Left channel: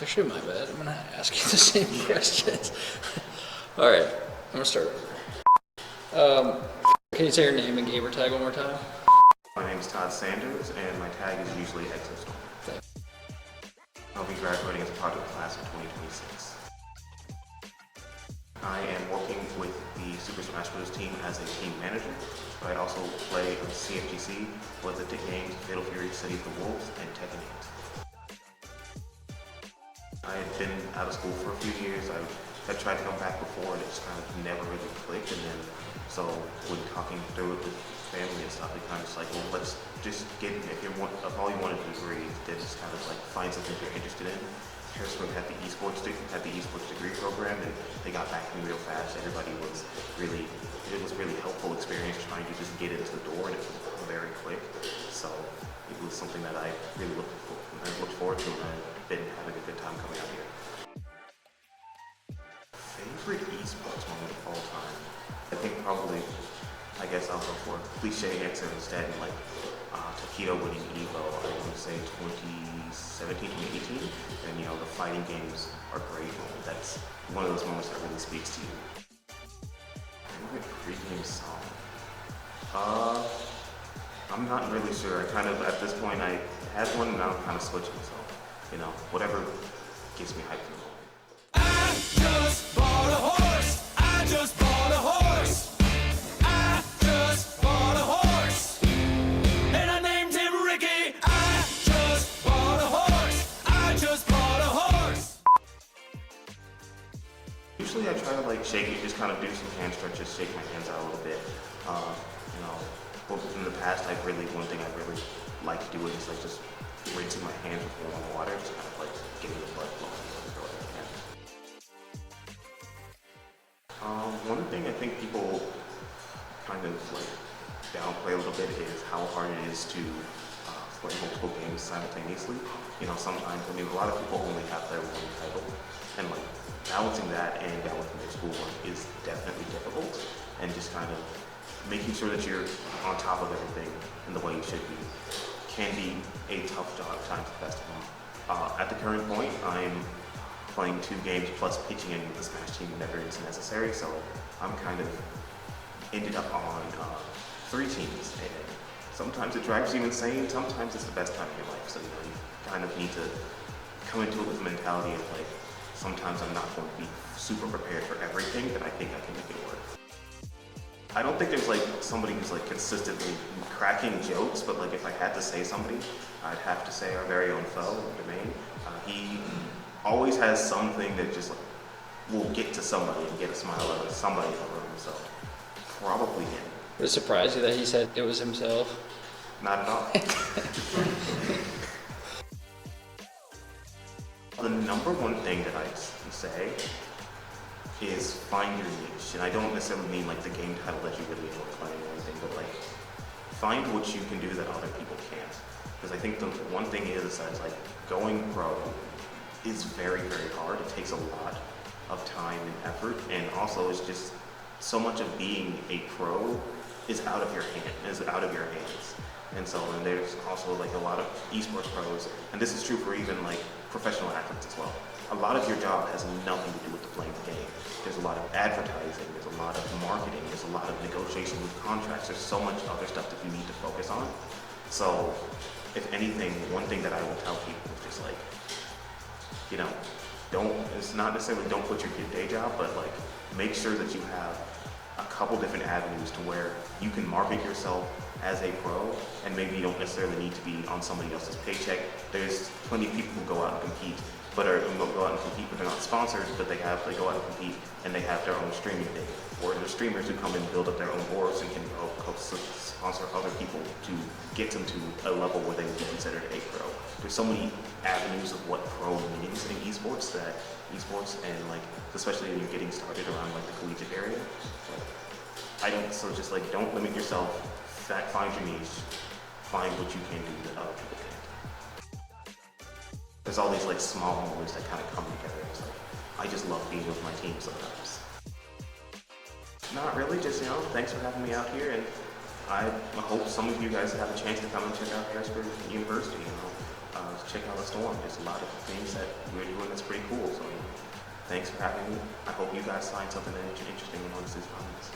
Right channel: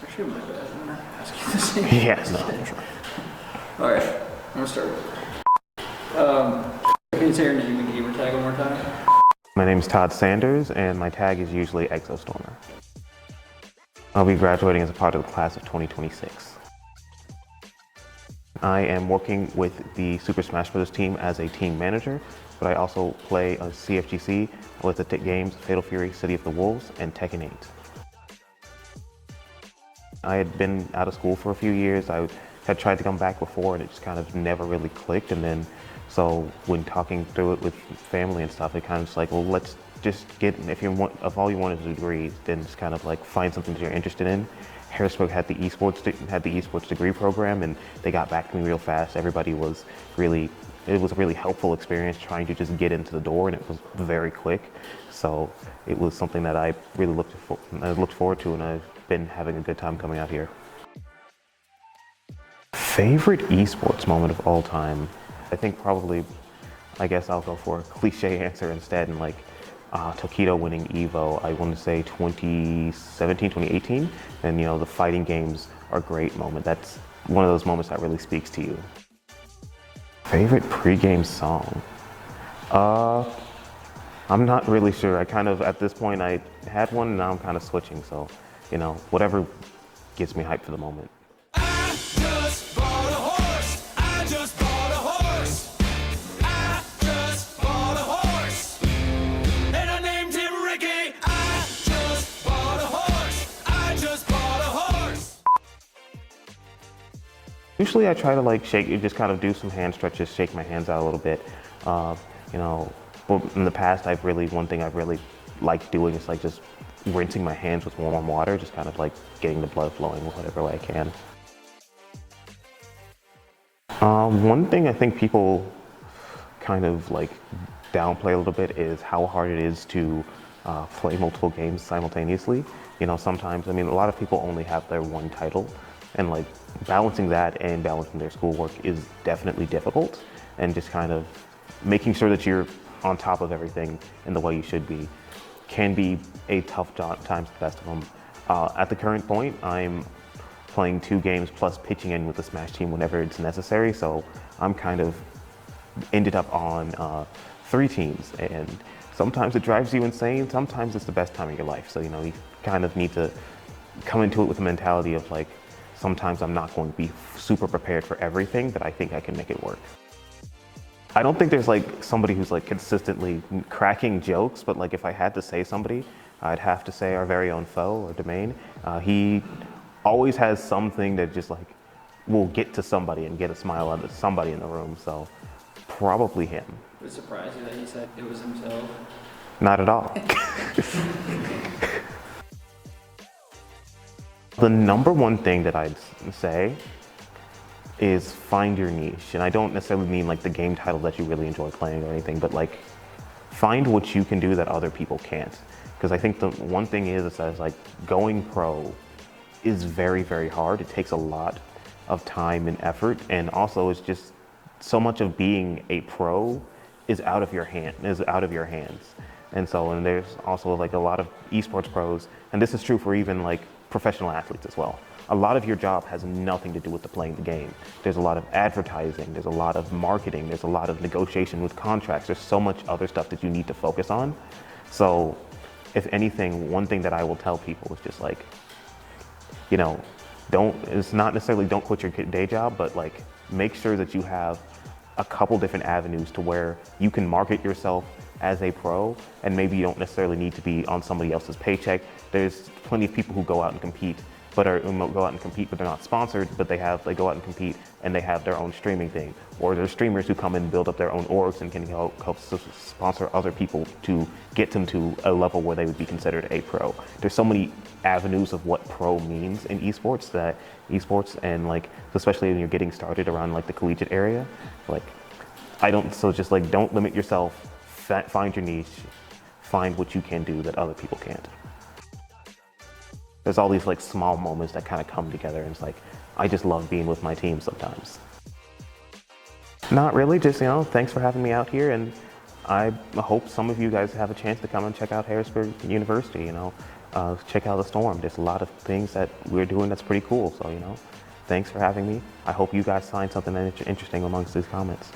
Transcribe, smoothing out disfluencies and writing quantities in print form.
It's actually my bad. I'm gonna ask you the same question. No. All right, I'm gonna start with can you say your name and gamer tag one more time? My name is Todd Sanders, and my tag is usually ExoStormer. I'll be graduating as a part of the class of 2026. I am working with the Super Smash Bros. Team as a team manager, but I also play a CFGC with the games Fatal Fury, City of the Wolves, and Tekken 8. I had been out of school for a few years. I had tried to come back before and it just kind of never really clicked. And then, so when talking through it with family and stuff, it kind of just like, well, let's just get, if all you wanted a degree, then just kind of like find something that you're interested in. Harrisburg had the esports degree program, and they got back to me real fast. Everybody was really, it was a really helpful experience trying to just get into the door, and it was very quick. So it was something that I really looked forward to, and I've been having a good time coming out here. Favorite esports moment of all time? I think probably, I guess I'll go for a cliche answer instead, and like Tokido winning Evo, I want to say 2017, 2018. And you know, the fighting games are a great moment. That's one of those moments that really speaks to you. Favorite pre-game song? I'm not really sure. I kind of, at this point, I had one and now I'm kind of switching. So, you know, whatever gets me hyped for the moment. I just bought a horse. I just bought a horse. I just bought a horse. And I named him Ricky. I just bought a horse. I just bought a horse. Usually I try to like just kind of do some hand stretches, shake my hands out a little bit. You know, in the past, one thing I've really liked doing is like just rinsing my hands with warm water, just kind of like getting the blood flowing whatever way I can. One thing I think people kind of like downplay a little bit is how hard it is to play multiple games simultaneously. You know, sometimes, I mean, a lot of people only have their one title, and like balancing that and balancing their schoolwork is definitely difficult, and just kind of making sure that you're on top of everything in the way you should be can be a tough time for the best of them. At the current point, I'm playing 2 games plus pitching in with the Smash team whenever it's necessary, so I'm kind of ended up on 3 teams, and sometimes it drives you insane, sometimes it's the best time of your life. So, you know, you kind of need to come into it with the mentality of like, sometimes I'm not going to be super prepared for everything, but I think I can make it work. I don't think there's like somebody who's like consistently cracking jokes, but like if I had to say somebody, I'd have to say our very own foe, or Domain. He always has something that just like will get to somebody and get a smile out of somebody in the room, so probably him. Would it surprise you that he said it was himself? Not at all. The number one thing that I'd say is find your niche. And I don't necessarily mean like the game title that you really enjoy playing or anything, but like find what you can do that other people can't. Because I think the one thing is that like going pro is very, very hard. It takes a lot of time and effort, and also it's just so much of being a pro is out of your hands. And so, and there's also like a lot of esports pros, and this is true for even like professional athletes as well. A lot of your job has nothing to do with playing the game. There's a lot of advertising, there's a lot of marketing, there's a lot of negotiation with contracts. There's so much other stuff that you need to focus on. So if anything, one thing that I will tell people is just like, you know, it's not necessarily don't quit your day job, but like make sure that you have a couple different avenues to where you can market yourself as a pro, and maybe you don't necessarily need to be on somebody else's paycheck. There's plenty of people who go out and compete, but they're not sponsored, but they go out and compete and they have their own streaming thing. Or there's streamers who come in and build up their own orbs and can help sponsor other people to get them to a level where they would be considered a pro. There's so many avenues of what pro means in esports, and like, especially when you're getting started around like the collegiate area, like just like don't limit yourself, find your niche, find what you can do that other people can't. There's all these like small moments that kind of come together, and it's like, I just love being with my team sometimes. Not really, just, you know, thanks for having me out here, and I hope some of you guys have a chance to come and check out Harrisburg University. You know, check out the storm. There's a lot of things that we're doing that's pretty cool. So, thanks for having me. I hope you guys find something interesting amongst these comments.